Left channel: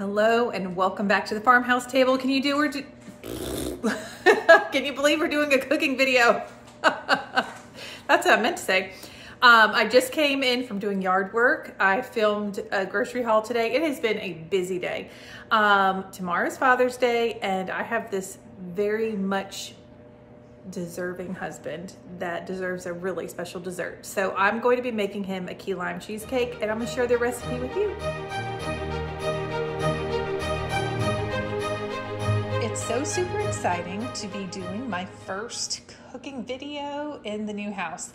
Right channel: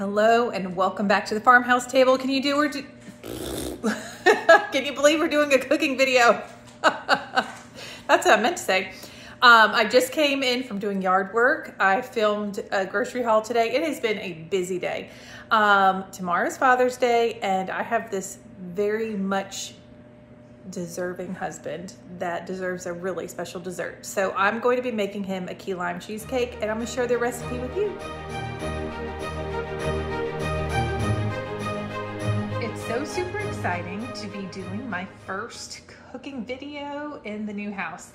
Hello and welcome back to the Farmhouse Table. Can you believe we're doing a cooking video? That's what I meant to say. I just came in from doing yard work. I filmed a grocery haul today. It has been a busy day. Tomorrow's Father's Day, and I have this very much deserving husband that deserves a really special dessert. So I'm going to be making him a key lime cheesecake, and I'm gonna share the recipe with you. It's so super exciting to be doing my first cooking video in the new house.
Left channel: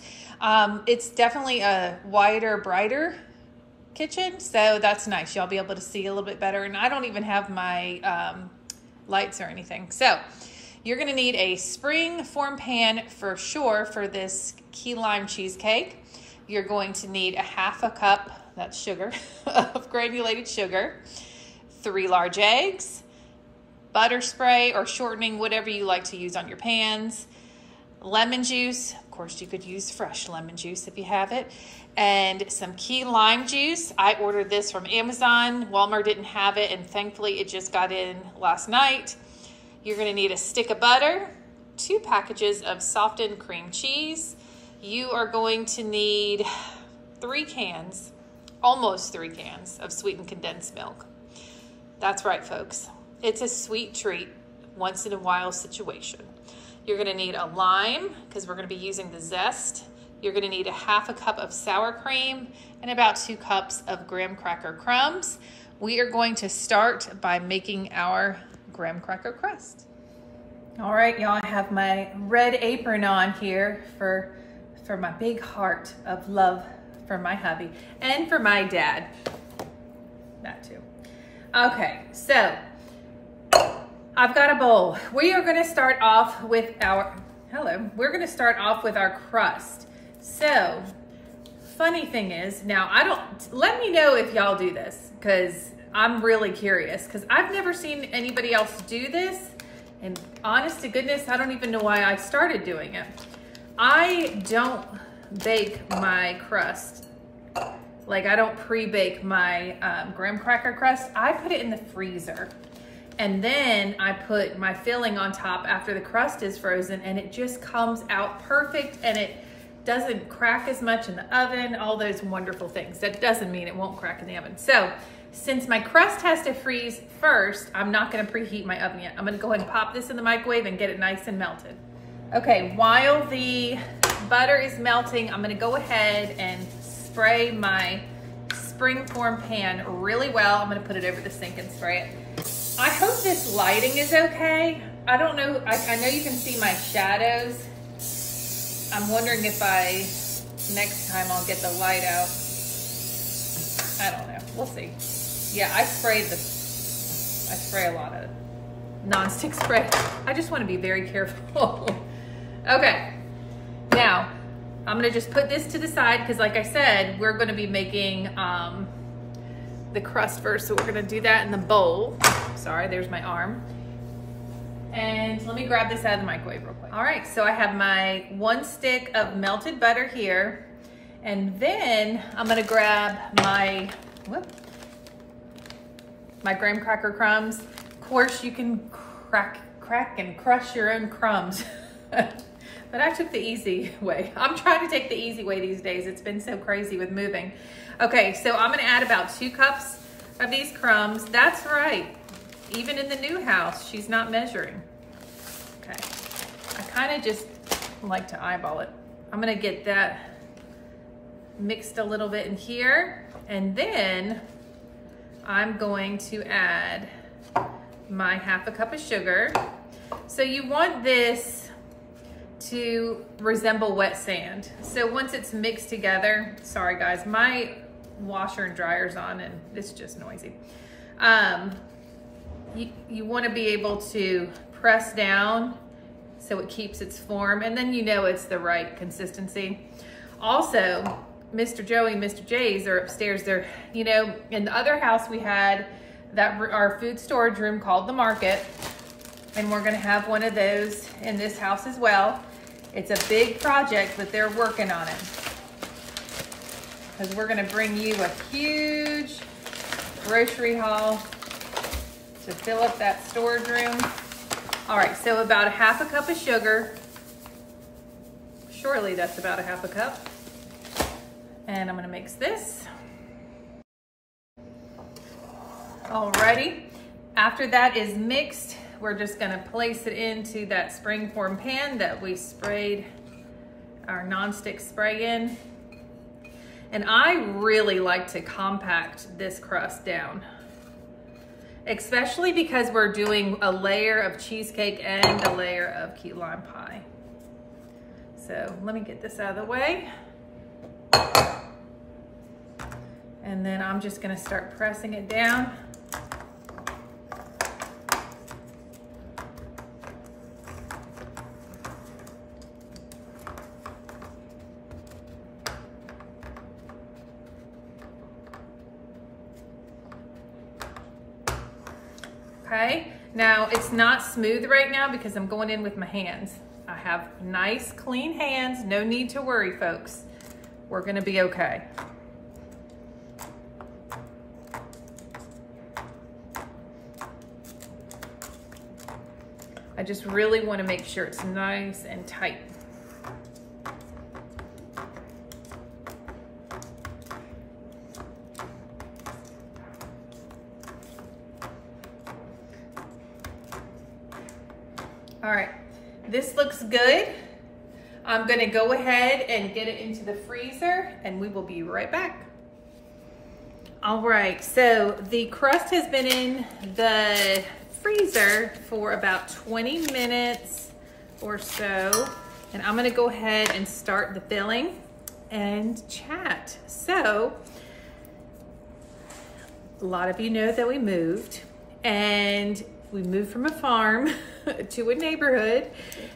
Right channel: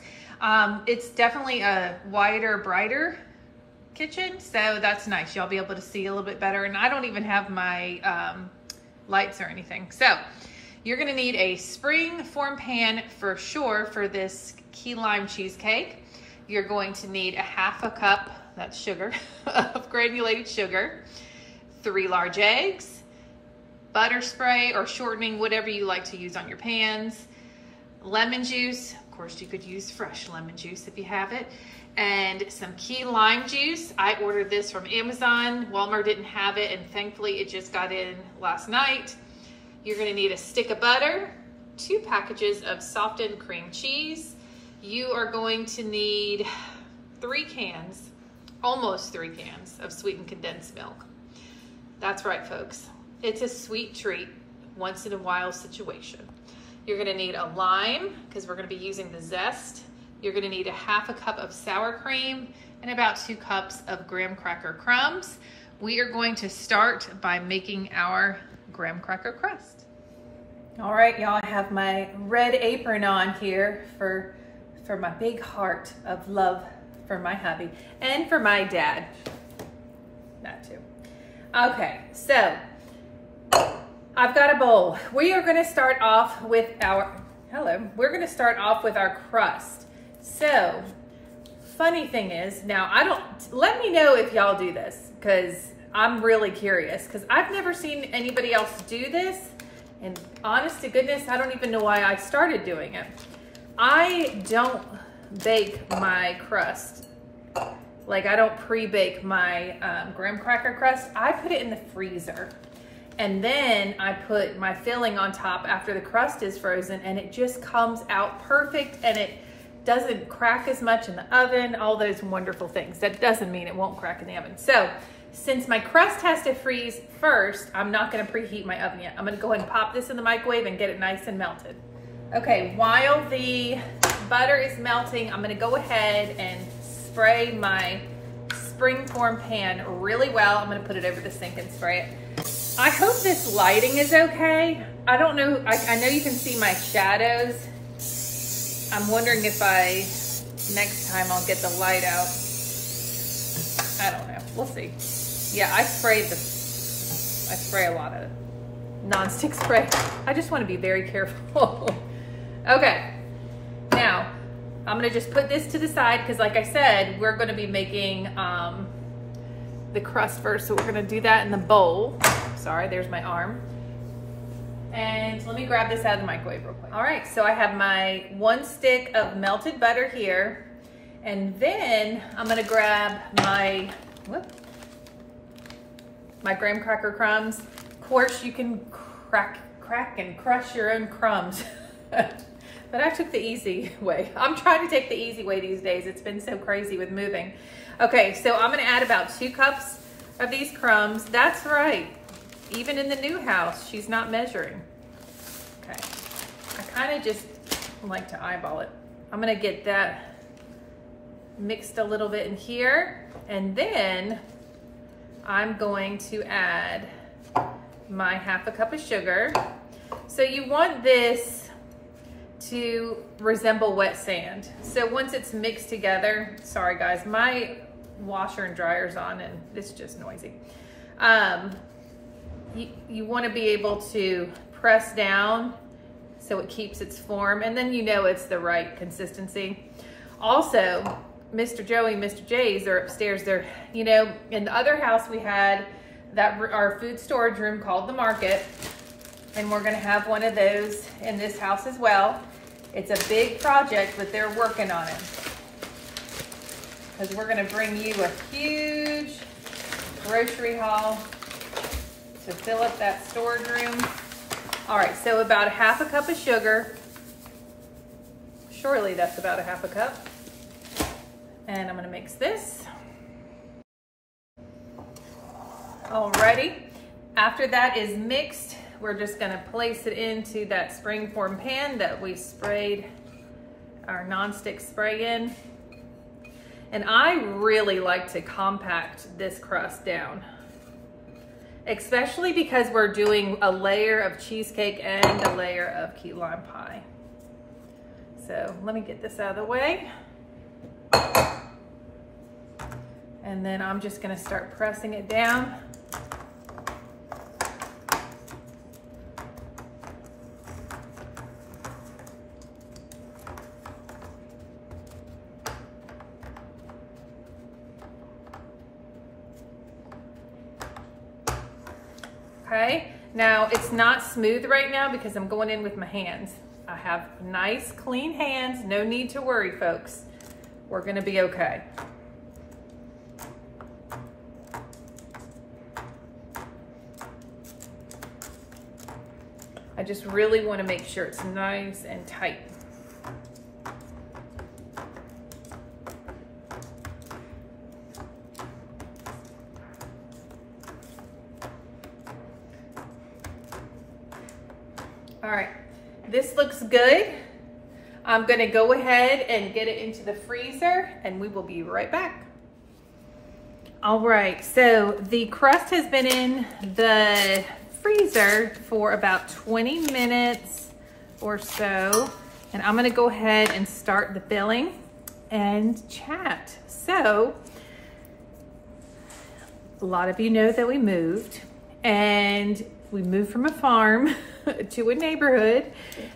It's definitely a wider, brighter kitchen, so that's nice. Y'all be able to see a little bit better, and I don't even have my lights or anything. So you're gonna need a spring form pan for sure for this key lime cheesecake. You're going to need a half a cup, that's sugar, of granulated sugar, 3 large eggs, butter spray or shortening, whatever you like to use on your pans, lemon juice, of course you could use fresh lemon juice if you have it, and some key lime juice. I ordered this from Amazon. Walmart didn't have it, and thankfully it just got in last night. You're gonna need a stick of butter, 2 packages of softened cream cheese. You are going to need 3 cans, almost 3 cans of sweetened condensed milk. That's right, folks. It's a sweet treat, once in a while situation. You're gonna need a lime, because we're gonna be using the zest. You're gonna need a half a cup of sour cream and about 2 cups of graham cracker crumbs. We are going to start by making our graham cracker crust. All right, y'all, I have my red apron on here for my big heart of love for my hubby and for my dad, that too. Okay, so I've got a bowl. We are gonna start off with our, we're gonna start off with our crust. So, funny thing is, now let me know if y'all do this, because I'm really curious, because I've never seen anybody else do this, and honest to goodness, I don't even know why I started doing it. I don't bake my crust. Like, I don't pre-bake my graham cracker crust. I put it in the freezer. And then I put my filling on top after the crust is frozen, and it just comes out perfect, and it doesn't crack as much in the oven, all those wonderful things. That doesn't mean it won't crack in the oven. So since my crust has to freeze first, I'm not gonna preheat my oven yet. I'm gonna go ahead and pop this in the microwave and get it nice and melted. Okay, while the butter is melting, I'm gonna go ahead and spray my spring form pan really well. I'm gonna put it over the sink and spray it. I hope this lighting is okay. I don't know, I know you can see my shadows. I'm wondering if next time I'll get the light out. I don't know, we'll see. Yeah, I spray a lot of non-stick spray. I just wanna be very careful. Okay, now I'm gonna just put this to the side, because like I said, we're gonna be making the crust first, so we're gonna do that in the bowl. Sorry, there's my arm. And let me grab this out of the microwave real quick. All right, so I have my 1 stick of melted butter here, and then I'm gonna grab my graham cracker crumbs. Of course, you can crack and crush your own crumbs. But I took the easy way. I'm trying to take the easy way these days. It's been so crazy with moving. Okay, so I'm gonna add about 2 cups of these crumbs. That's right. Even in the new house, she's not measuring. Okay, I kind of just like to eyeball it. I'm gonna get that mixed a little bit in here, and then I'm going to add my half a cup of sugar. So you want this to resemble wet sand. So once it's mixed together, sorry guys, my washer and dryer's on and it's just noisy. You want to be able to press down so it keeps its form, and then you know it's the right consistency. Also, Mr. Joey and Mr. Jay's are upstairs. They're, you know, in the other house we had our food storage room called the market, and we're gonna have one of those in this house as well. It's a big project, but they're working on it, because we're gonna bring you a huge grocery haul to fill up that storage room. All right, so about a half a cup of sugar. Surely that's about a half a cup. And I'm gonna mix this. Alrighty, after that is mixed, we're just gonna place it into that springform pan that we sprayed our nonstick spray in. And I really like to compact this crust down, especially because we're doing a layer of cheesecake and a layer of key lime pie. So let me get this out of the way. And then I'm just gonna start pressing it down. Okay, now it's not smooth right now because I'm going in with my hands. I have nice, clean hands. No need to worry, folks. We're gonna be okay. I just really want to make sure it's nice and tight. All right, this looks good. I'm gonna go ahead and get it into the freezer and we will be right back. All right, so the crust has been in the freezer for about 20 minutes or so. And I'm gonna go ahead and start the filling and chat. So, a lot of you know that we moved from a farm to a neighborhood.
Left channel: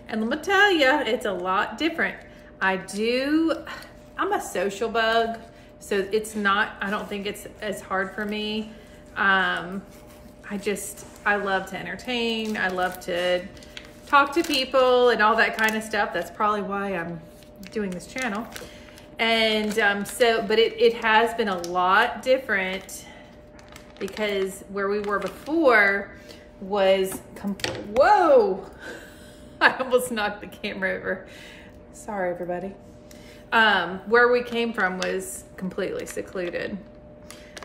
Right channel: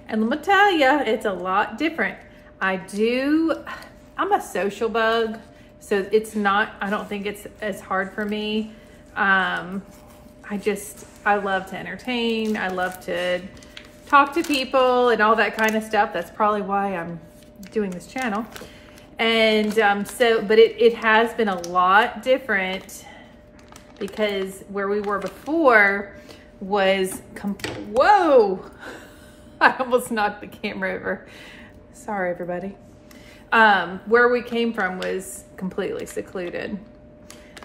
And let me tell you, it's a lot different. I'm a social bug, so I don't think it's as hard for me. I love to entertain. I love to talk to people and all that kind of stuff. That's probably why I'm doing this channel. And but it has been a lot different because where we were before was, whoa, I almost knocked the camera over. Sorry, everybody. Where we came from was completely secluded.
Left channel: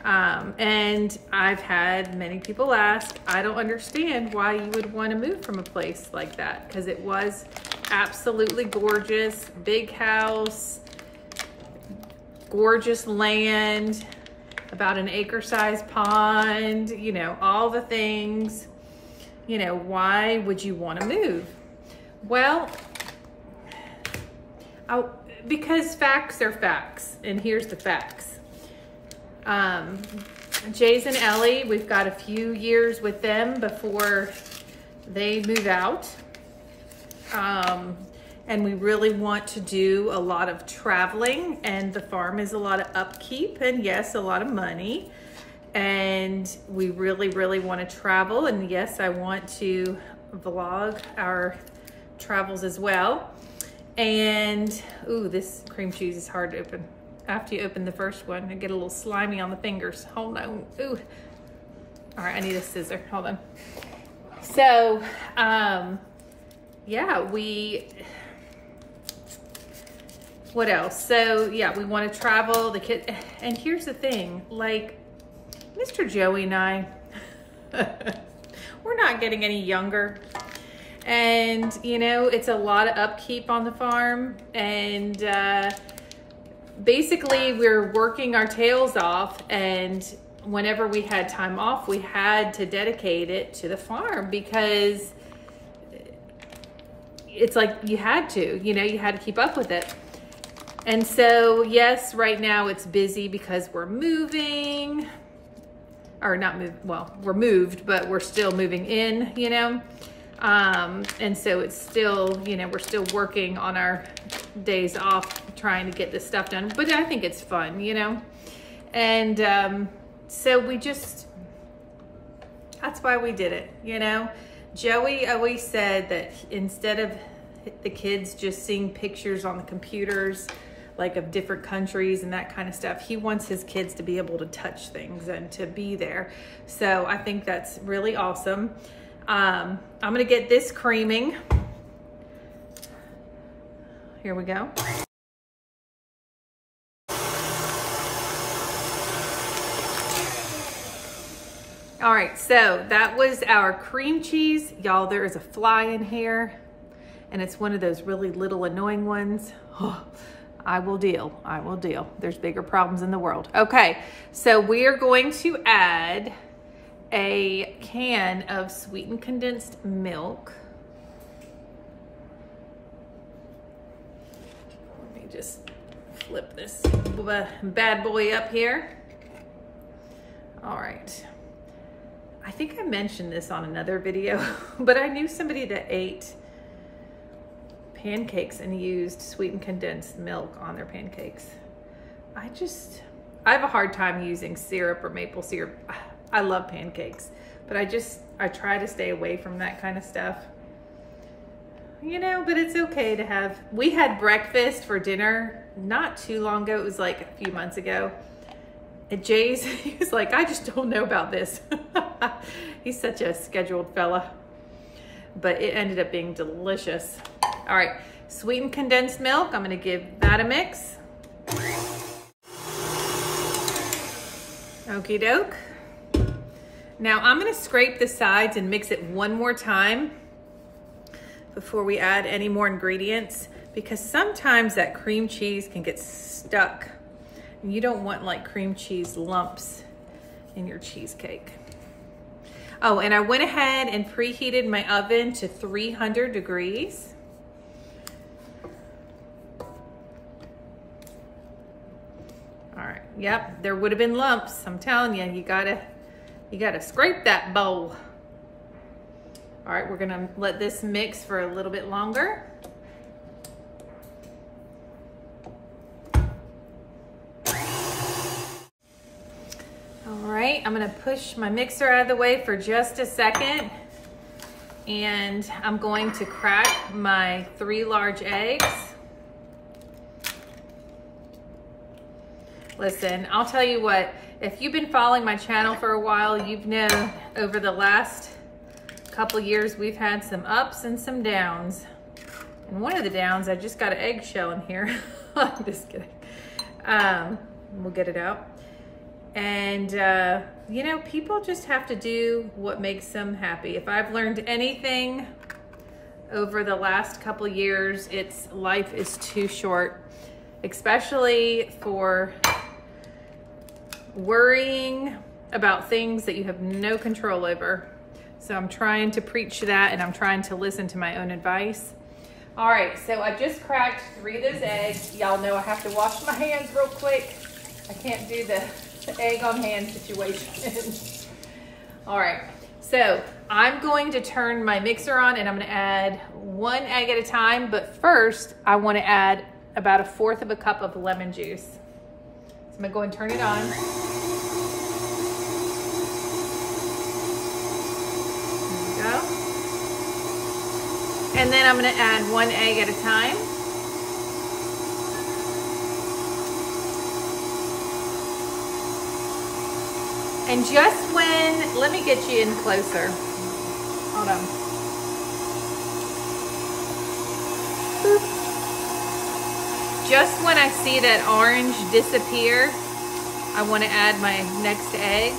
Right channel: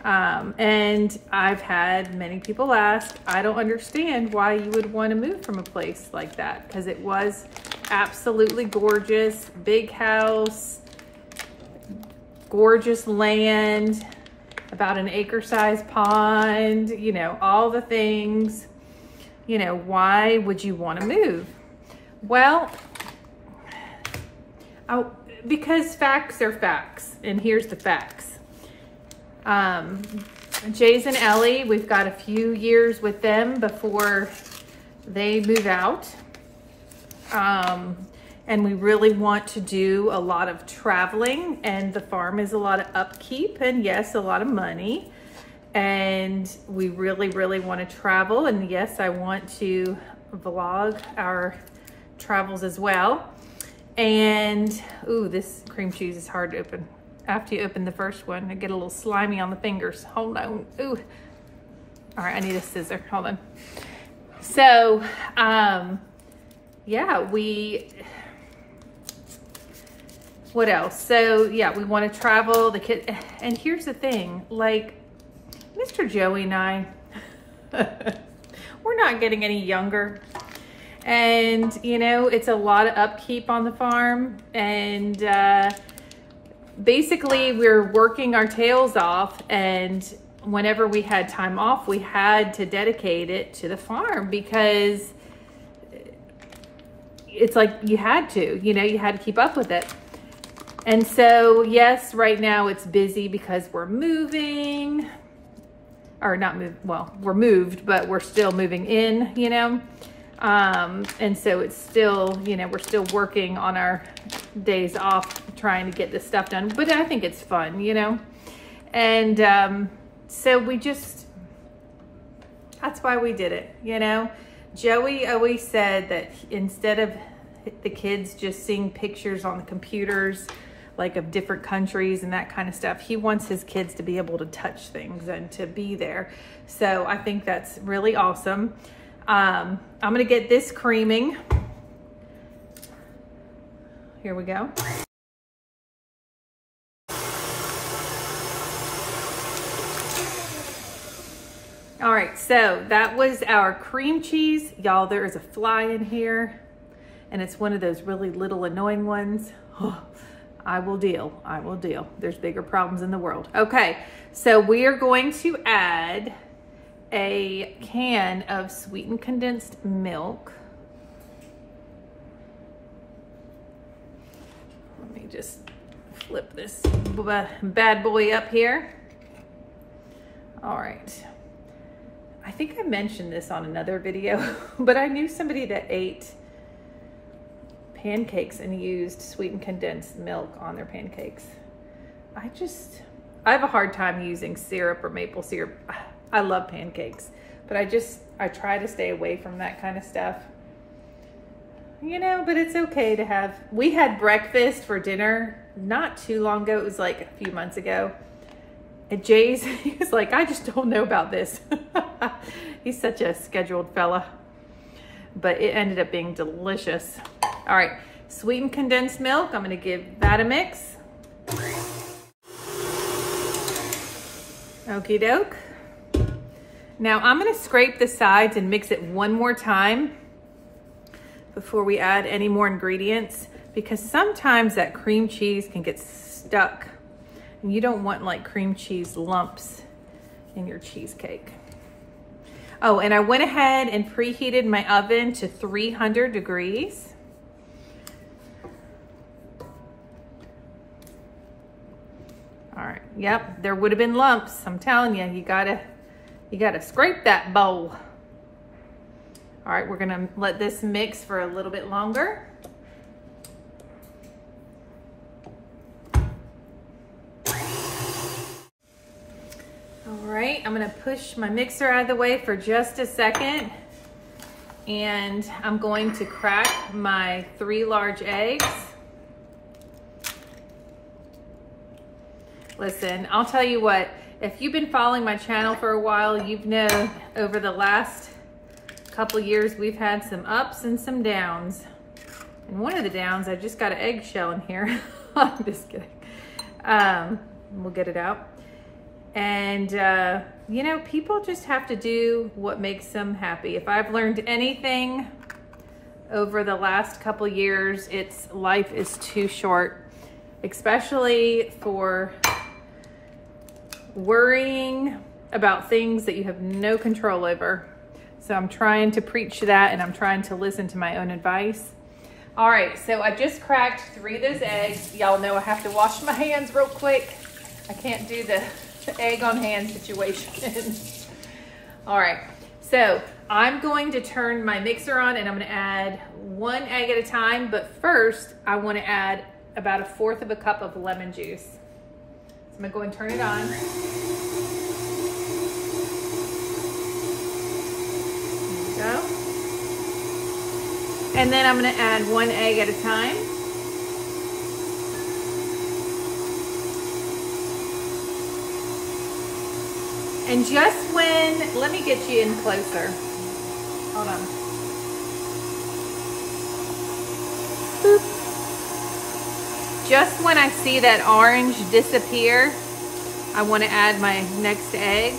And I've had many people ask, I don't understand why you would want to move from a place like that, because it was absolutely gorgeous, big house, gorgeous land, about an acre-sized pond, you know, all the things. You know, why would you want to move? Well, because facts are facts, and here's the facts. Jay's and Ellie, we've got a few years with them before they move out. And we really want to do a lot of traveling, and the farm is a lot of upkeep and yes, a lot of money. And we really, really want to travel. And yes, I want to vlog our travels as well. And, ooh, this cream cheese is hard to open. After you open the first one, I get a little slimy on the fingers. Hold on, ooh. All right, I need a scissor, hold on. So, yeah, what else? So, yeah, we want to travel, the kid, and here's the thing, like, Mr. Joey and I, we're not getting any younger. And, you know, it's a lot of upkeep on the farm. And basically, we're working our tails off. And whenever we had time off, we had to dedicate it to the farm because it's like you had to, you know, you had to keep up with it. And so, yes, right now it's busy because we're moving. Or not moved, well, we're moved, but we're still moving in, you know? And so it's still, you know, we're still working on our days off trying to get this stuff done, but I think it's fun, you know? And so that's why we did it, you know? Joey always said that instead of the kids just seeing pictures on the computers like of different countries and that kind of stuff. He wants his kids to be able to touch things and to be there. So I think that's really awesome. I'm gonna get this creaming. Here we go. All right, so that was our cream cheese. Y'all, there is a fly in here, and it's one of those really little annoying ones. Oh, I will deal, I will deal. There's bigger problems in the world. Okay, so we are going to add a can of sweetened condensed milk. Let me just flip this bad boy up here. All right. I think I mentioned this on another video, but I knew somebody that ate pancakes and used sweetened condensed milk on their pancakes. I have a hard time using syrup or maple syrup. I love pancakes, but I try to stay away from that kind of stuff. You know, but it's okay to have. We had breakfast for dinner not too long ago. It was like a few months ago. And Jay's, he was like, I just don't know about this. He's such a scheduled fella, but it ended up being delicious. All right, sweetened condensed milk. I'm gonna give that a mix. Okie doke. Now I'm gonna scrape the sides and mix it one more time before we add any more ingredients, because sometimes that cream cheese can get stuck. You don't want like cream cheese lumps in your cheesecake. Oh, and I went ahead and preheated my oven to 300 degrees. All right, yep, there would have been lumps. I'm telling you, you gotta scrape that bowl. All right, we're gonna let this mix for a little bit longer. All right, I'm gonna push my mixer out of the way for just a second, and I'm going to crack my 3 large eggs. Listen, I'll tell you what, if you've been following my channel for a while, you've known over the last couple years we've had some ups and some downs. And one of the downs, I just got an eggshell in here. I'm just kidding. We'll get it out. And, you know, people just have to do what makes them happy. If I've learned anything over the last couple years, it's life is too short, especially for worrying about things that you have no control over. So I'm trying to preach that, and I'm trying to listen to my own advice. All right, so I just cracked 3 of those eggs. Y'all know I have to wash my hands real quick. I can't do the egg on hand situation. All right, so I'm going to turn my mixer on, and I'm gonna add 1 egg at a time, but first I wanna add about 1/4 of a cup of lemon juice. So I'm gonna go and turn it on. There we go. And then I'm gonna add 1 egg at a time. And just when, let me get you in closer. Hold on. Boop. Just when I see that orange disappear, I want to add my next egg.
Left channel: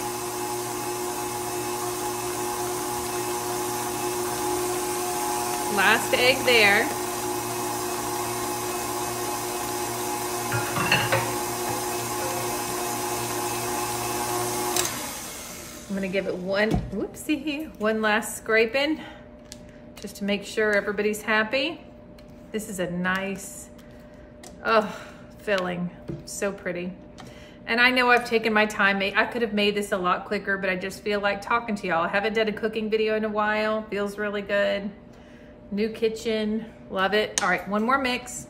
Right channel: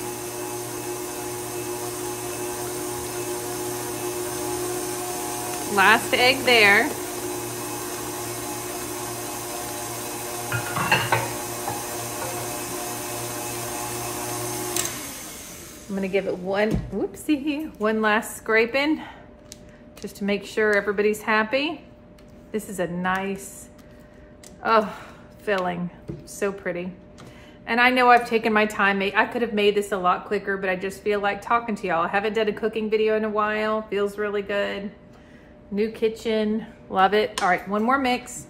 Last egg there. I'm gonna give it one last scraping, just to make sure everybody's happy. This is a nice, filling, so pretty. And I know I've taken my time. I could have made this a lot quicker, but I just feel like talking to y'all. I haven't done a cooking video in a while. Feels really good. New kitchen, love it. All right, one more mix.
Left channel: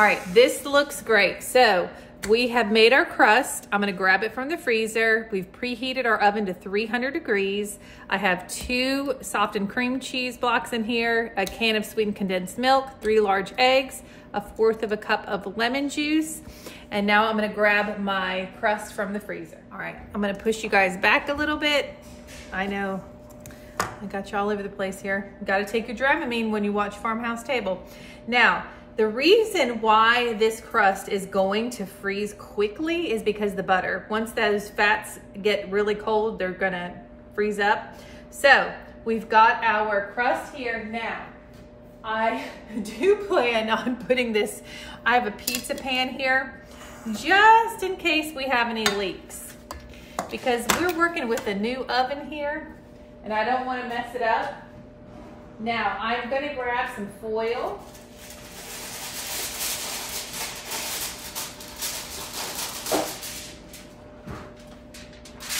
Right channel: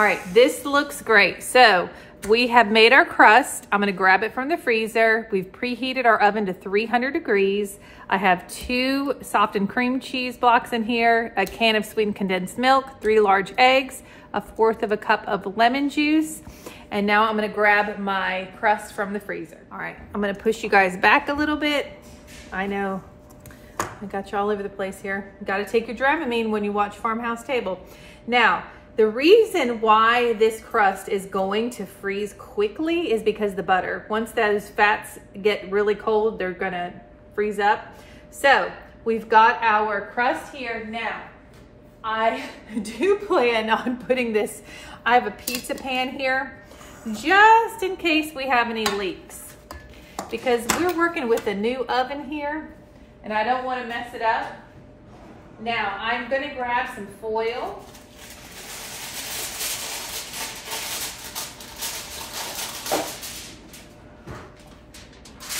All right, this looks great. So we have made our crust. I'm gonna grab it from the freezer. We've preheated our oven to 300 degrees. I have 2 softened cream cheese blocks in here, a can of sweetened condensed milk, 3 large eggs, 1/4 cup of lemon juice. And now I'm gonna grab my crust from the freezer. All right, I'm gonna push you guys back a little bit. I know, I got you all over the place here. You gotta take your Dramamine when you watch Farmhouse Table. Now, the reason why this crust is going to freeze quickly is because the butter. Once those fats get really cold, they're gonna freeze up. So we've got our crust here. Now, I do plan on putting this, I have a pizza pan here, just in case we have any leaks. Because we're working with a new oven here, and I don't wanna mess it up. Now, I'm gonna grab some foil.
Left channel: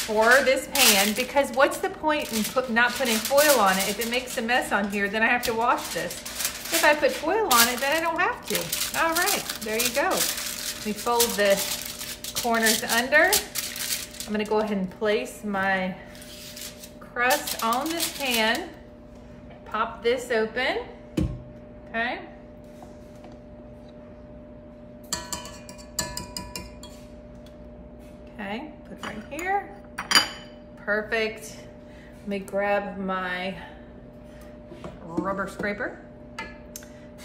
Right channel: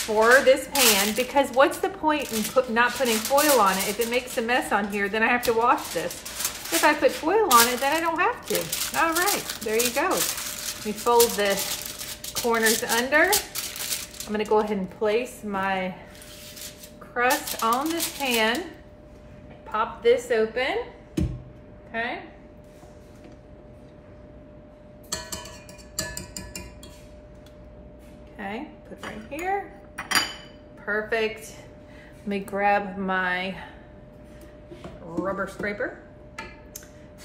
For this pan, because what's the point in not putting foil on it? If it makes a mess on here, then I have to wash this. If I put foil on it, then I don't have to. All right, there you go. We fold the corners under. I'm gonna go ahead and place my crust on this pan. Pop this open, okay? Okay, put it right here. Perfect. Let me grab my rubber scraper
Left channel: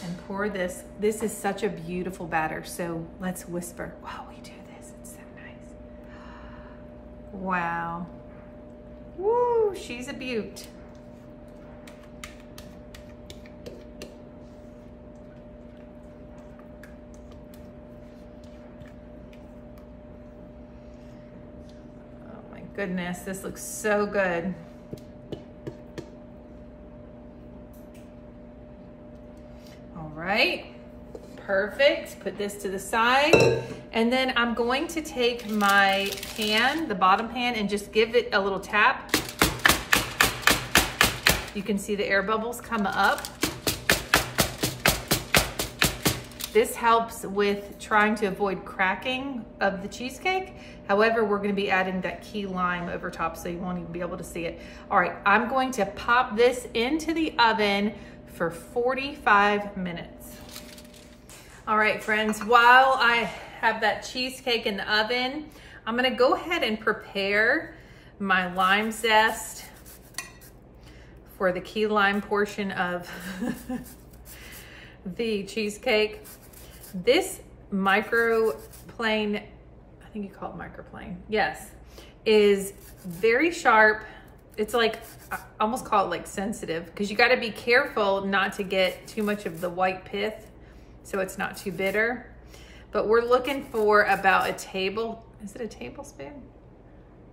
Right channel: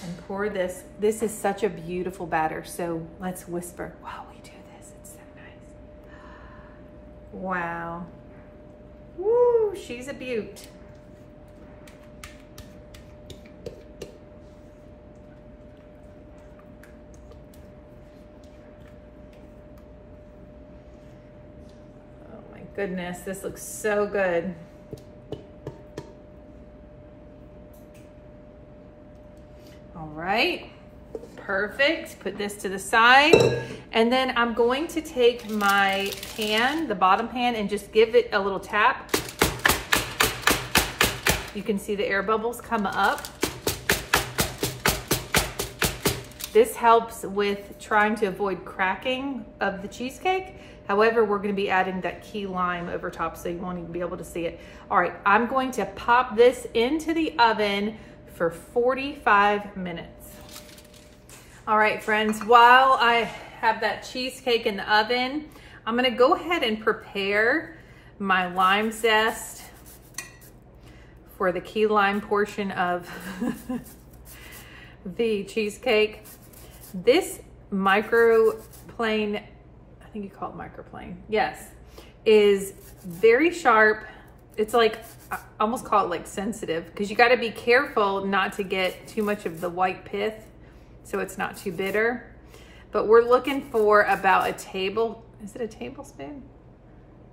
and pour this. This is such a beautiful batter, so let's whisper while we do this. It's so nice. Wow. Woo, she's a beaut. Goodness, this looks so good. All right, perfect. Put this to the side. And then I'm going to take my pan, the bottom pan, and just give it a little tap. You can see the air bubbles come up. This helps with trying to avoid cracking of the cheesecake. However, we're gonna be adding that key lime over top, so you won't even be able to see it. All right, I'm going to pop this into the oven for 45 minutes. All right, friends, while I have that cheesecake in the oven, I'm gonna go ahead and prepare my lime zest for the key lime portion of the cheesecake. This microplane, I think you call it microplane, yes, is very sharp. It's like, I almost call it like sensitive, because you got to be careful not to get too much of the white pith so it's not too bitter. But we're looking for about a is it a tablespoon?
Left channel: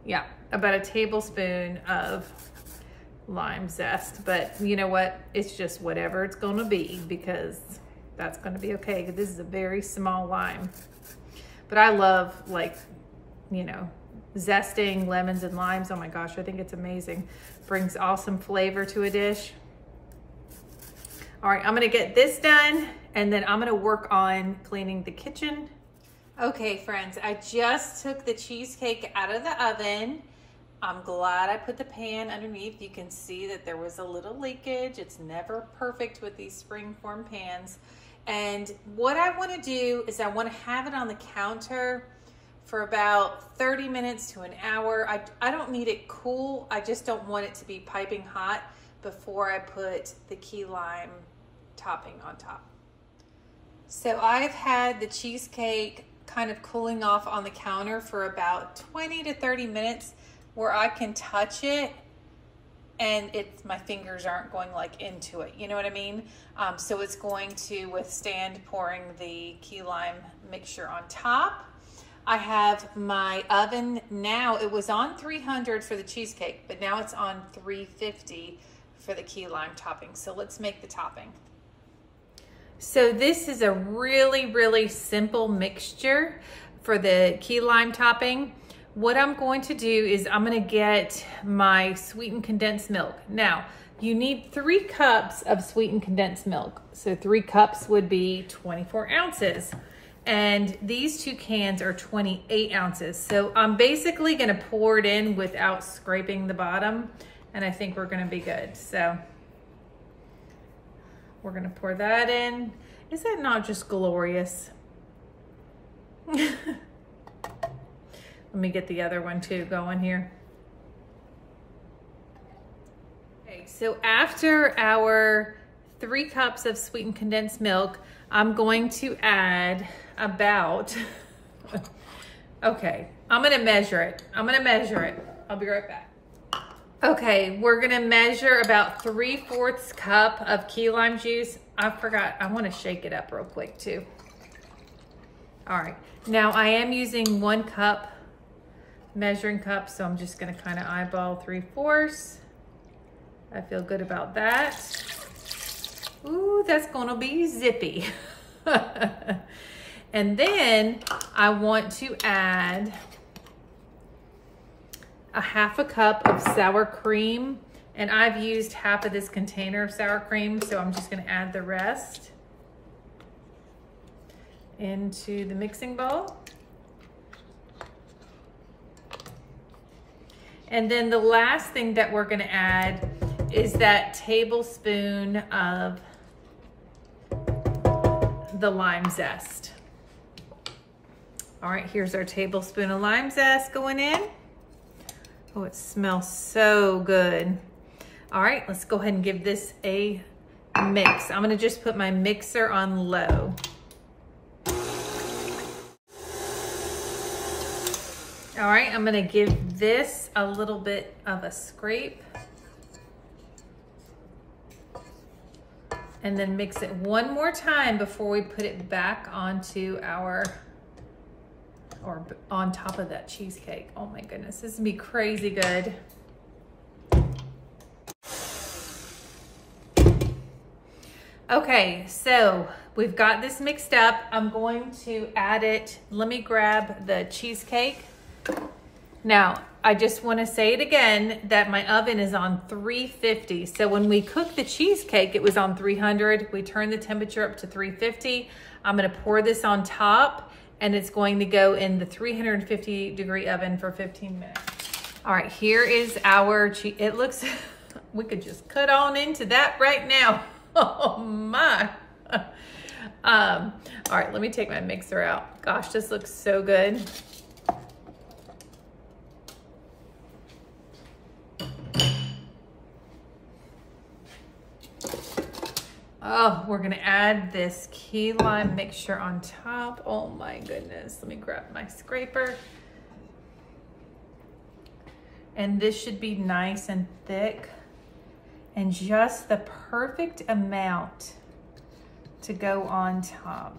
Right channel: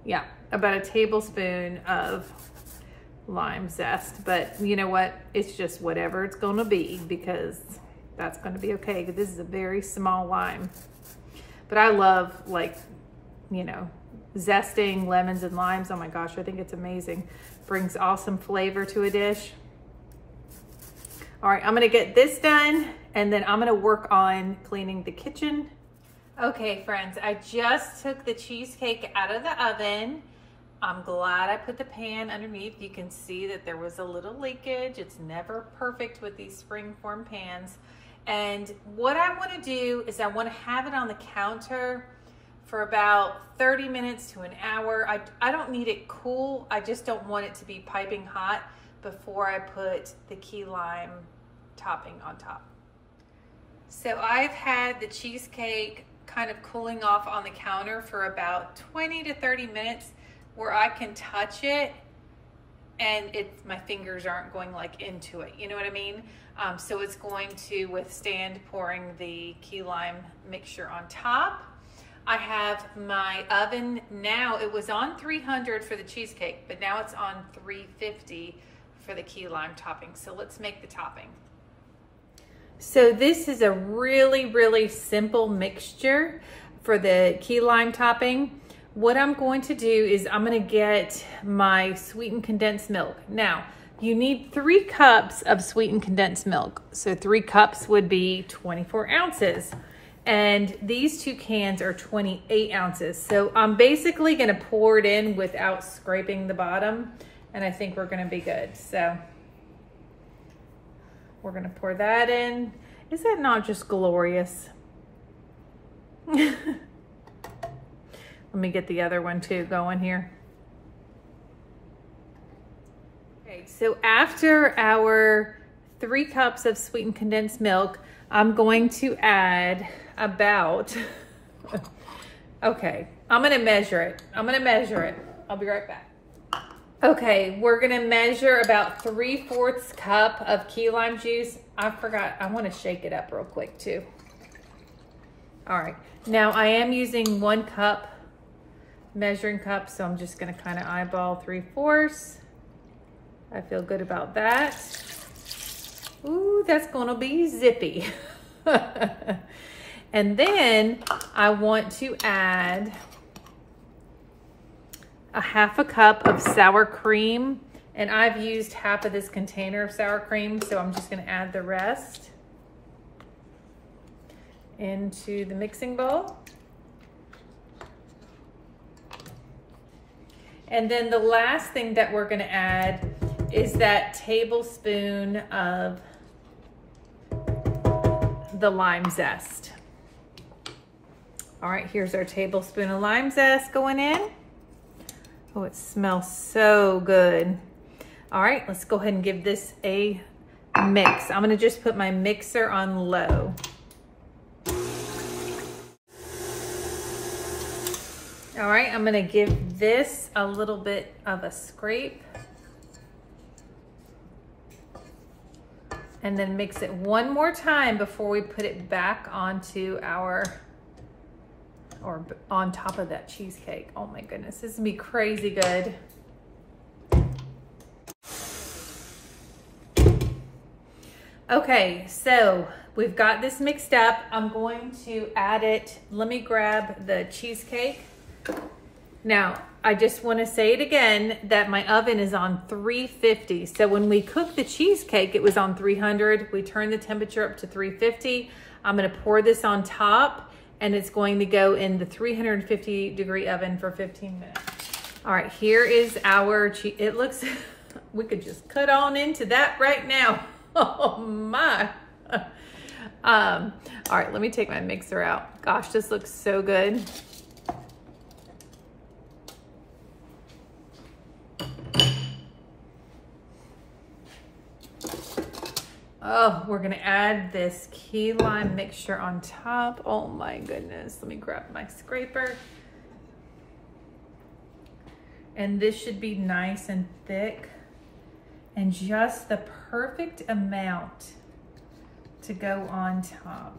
Yeah, about a tablespoon of lime zest. But you know what? It's just whatever it's going to be, because that's going to be okay. This is a very small lime. But I love, like, you know, zesting lemons and limes. Oh my gosh, I think it's amazing. Brings awesome flavor to a dish. All right, I'm gonna get this done, and then I'm gonna work on cleaning the kitchen. Okay, friends, I just took the cheesecake out of the oven. I'm glad I put the pan underneath. You can see that there was a little leakage. It's never perfect with these springform pans. And what I want to do is I want to have it on the counter for about 30 minutes to an hour. I don't need it cool. I just don't want it to be piping hot before I put the key lime topping on top. So I've had the cheesecake kind of cooling off on the counter for about 20 to 30 minutes where I can touch it and my fingers aren't going like into it, you know what I mean? So it's going to withstand pouring the key lime mixture on top. I have my oven now, it was on 300 for the cheesecake, but now it's on 350 for the key lime topping. So let's make the topping. So this is a really, really simple mixture for the key lime topping. What I'm going to do is I'm going to get my sweetened condensed milk. Now, you need 3 cups of sweetened condensed milk. So 3 cups would be 24 ounces. And these 2 cans are 28 ounces. So I'm basically gonna pour it in without scraping the bottom, and I think we're gonna be good. So we're gonna pour that in. Is that not just glorious? Let me get the other one too going here. Okay, so after our 3 cups of sweetened condensed milk, I'm going to add about, okay, I'm gonna measure it. I'll be right back. Okay, we're gonna measure about 3/4 cup of key lime juice. I forgot, I wanna shake it up real quick too. All right, now I am using 1 cup measuring cup, so I'm just gonna kind of eyeball 3/4. I feel good about that. Ooh, that's gonna be zippy. And then I want to add a 1/2 cup of sour cream, and I've used half of this container of sour cream, so I'm just gonna add the rest into the mixing bowl. And then the last thing that we're gonna add is that tablespoon of the lime zest. All right, here's our tablespoon of lime zest going in. Oh, it smells so good. All right, let's go ahead and give this a mix. I'm gonna just put my mixer on low. All right, I'm gonna give this a little bit of a scrape. And then mix it one more time before we put it back onto our, or on top of that cheesecake. Oh my goodness, this is gonna be crazy good. Okay, so we've got this mixed up. I'm going to add it. Let me grab the cheesecake. Now, I just want to say it again that my oven is on 350. So when we cooked the cheesecake, it was on 300. We turned the temperature up to 350. I'm going to pour this on top, and it's going to go in the 350-degree oven for 15 minutes. All right, here is our cheese. It looks, we could just cut on into that right now. Oh my. All right, let me take my mixer out. Gosh, this looks so good. Oh, we're gonna add this key lime mixture on top. Oh my goodness. Let me grab my scraper. And this should be nice and thick and just the perfect amount to go on top.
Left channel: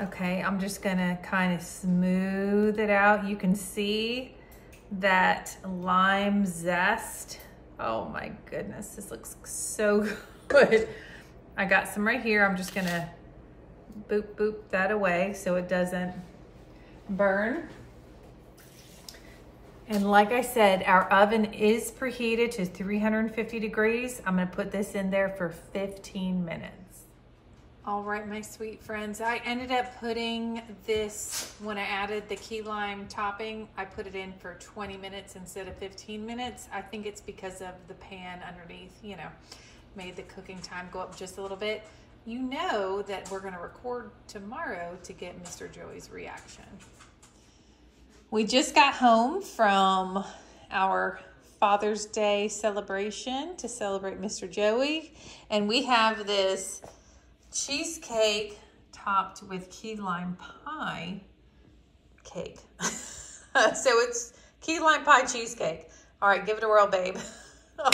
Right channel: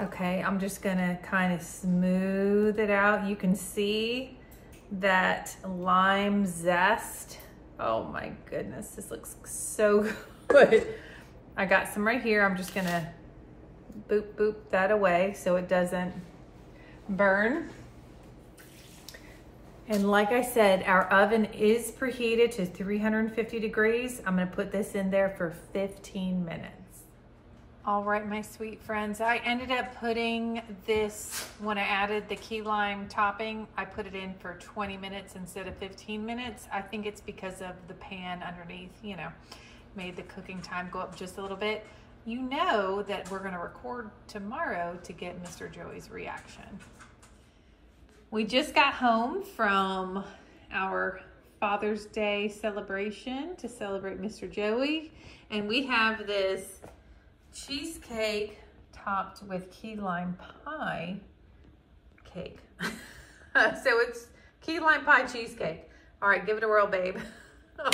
Okay, I'm just gonna kind of smooth it out. You can see that lime zest. Oh my goodness, this looks so good. I got some right here. I'm just gonna boop, boop that away so it doesn't burn. And like I said, our oven is preheated to 350 degrees. I'm gonna put this in there for 15 minutes. All right, my sweet friends, I ended up putting this, when I added the key lime topping, I put it in for 20 minutes instead of 15 minutes. I think it's because of the pan underneath, you know, made the cooking time go up just a little bit. You know that we're gonna record tomorrow to get Mr. Joey's reaction. We just got home from our Father's Day celebration to celebrate Mr. Joey, and we have this cheesecake topped with key lime pie cake. So it's key lime pie cheesecake. All right, give it a whirl, babe. Oh,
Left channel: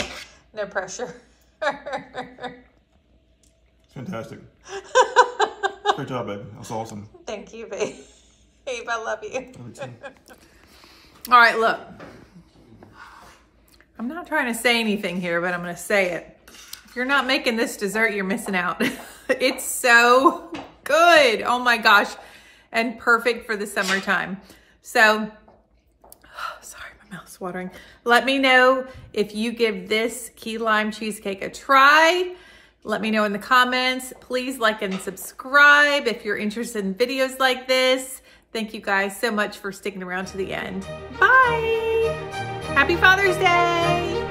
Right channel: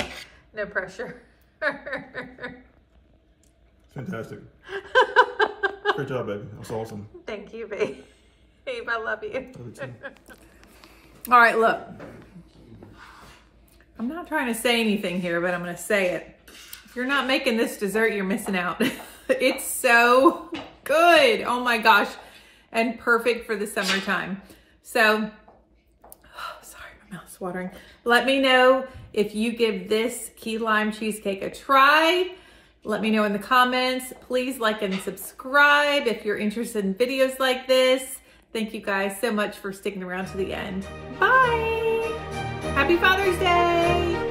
no pressure. Fantastic. Great job, baby. That's awesome. Thank you, babe. Babe, I love you. Love you too. All right, look. I'm not trying to say anything here, but I'm going to say it. If you're not making this dessert, you're missing out. It's so good. Oh my gosh. And perfect for the summertime. So, sorry, my mouth's watering. Let me know if you give this key lime cheesecake a try. Let me know in the comments. Please like and subscribe if you're interested in videos like this. Thank you guys so much for sticking around to the end. Bye. Happy Father's Day.